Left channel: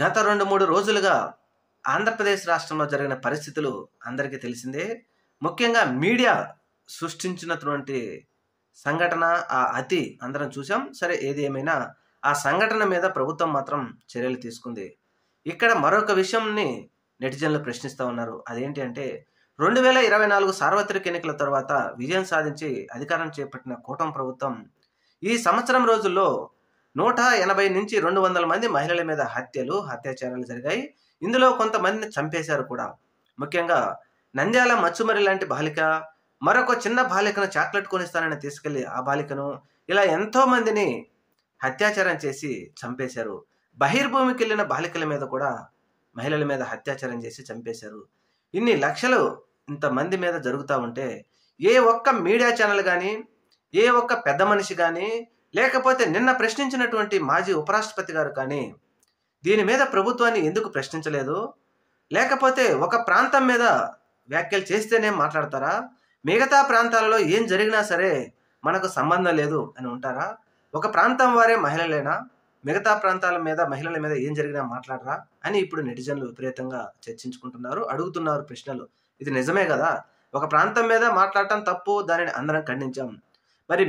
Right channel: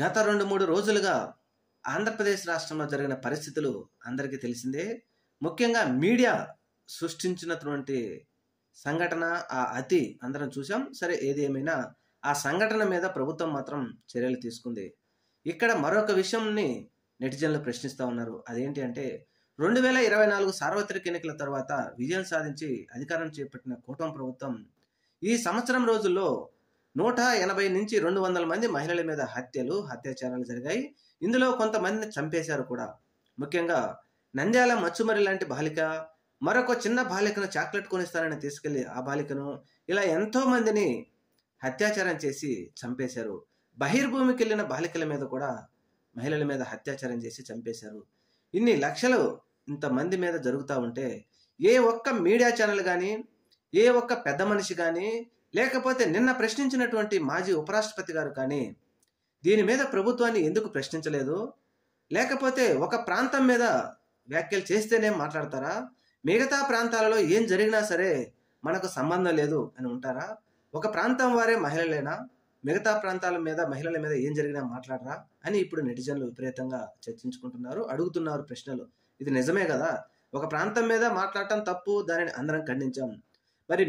గత 2, 3 రోజులుగా ఆంధ్రప్రదేశ్ రాష్ట్రంలో జరిగిన పరిస్థితులు అందరికీ తెలిసిందే. ముఖ్యంగా మీడియా సృష్టించినటువంటి సంఘటన, ఆ అతి అందరం చూసాం. సరే, ఏది ఏమైనా ఆ సంఘటన మీద ప్రభుత్వం మాత్రం చర్యలు తీసుకుంది. ఇక్కడ మరొక విషయంని నెటిజన్లు ప్రశ్నిస్తూ ఉన్నారు. అదేంటి అంటే 2024 సార్వత్రిక ఎన్నికల తర్వాత విజయం సాధించి అధికారం చేపట్టిన కూటమి ప్రభుత్వం ఈ సంవత్సరం రోజుల్లో 180 నుంచి 200 మంది మహిళల మీద అత్యాచారాలు జరిగాయి. ఇందులో కొంతమందిని చంపేశారు కూడా. ముఖ్యంగా నంద్యాల మచ్చుమరి లాంటి బాలిక, మరొక చిన్న బాలికను చాక్లెట్ కొనిస్తానని తీసుకెళ్లి ఆ బాలికను, ఇలా ఎంతో మందిని అత్యాచారం చేసి చంపేశారు. బహిర్భూమికి వెళ్ళిన బాలికల మీద కూడా మహిళల మీద అత్యాచారం చేసి చంపేశారు. ఇన్ని లక్షలు ఇంతమంది మీద జరుగుతూ ఉంటే ఏ ఒక్క మీడియా ఛానల్ కానీ, ఏ ఒక్క పెద్ద మనిషి కానీ, లేకపోతే నిన్న ప్రశ్నించినటువంటి మాజీ ఉపరాష్ట్రపతి గారు కానీ దీని మీద ప్రభుత్వాన్ని ఎందుకు ప్రశ్నించలేదు? లేకపోతే ఒక ప్రాంతం మీద వ్యాఖ్యలు చేస్తేనే మాట్లాడతారా? మిగతా ప్రాంతాలలో ఏం జరిగినా సరే మనకు సంబంధం లేదు అని ఉంటారా? ఒక ప్రాంతం వారే మహిళలేనా? మిగతా ప్రాంతాల మీద మహిళల మీద ఏం జరిగినా మాట్లాడరా అని ఇప్పుడు నెటిజన్లు విపరీతంగా చర్చించుకుంటున్నారు, అడుగుతున్నారు ప్రశ్నలు. ఇది నిజమే కదా? ఒక ప్రాంతం మీద మాట్లాడటం తప్పు, దానిని అందరం ఖండించాం. మరి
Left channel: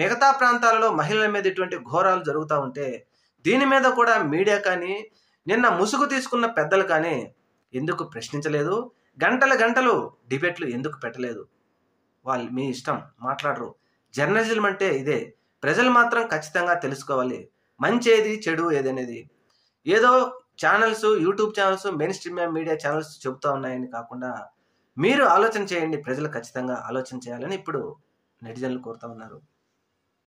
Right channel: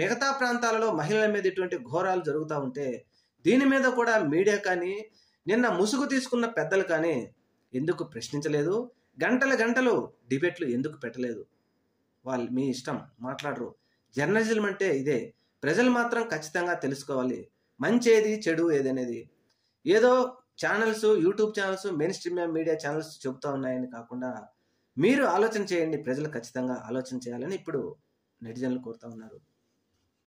మిగతా ప్రాంతాలలో మహిళల మీద ఇటువంటి ఘోరాలు జరుగుతూ ఉంటే దీని మీద కూడా మీడియా కానీ, నిన్న ముసుగు తీసుకున్న పెద్దలు కానీ ఎందుకు ప్రశ్నించలేదు? గంటలు డిబేట్లు ఎందుకు పెట్టలేదు? వాళ్ళు మీ ఇష్టం, మాట్లాడరు. జర్నలిజం అంటే ఇదే. ప్రజలు మాత్రం ఖచ్చితంగా తెలుసుకోవాలి మంచి ఏది, చెడు ఏది అనేది. ఏదో channels, YouTube channels, main stream media channels చెబుతూ ఉన్నాయని కాకుండా మీరు ఆలోచన చేయండి. ప్రజలు ఖచ్చితంగా ఆలోచన చేయాలని ఇప్పుడు నెటిజన్లు కోరుతా ఉన్నారు.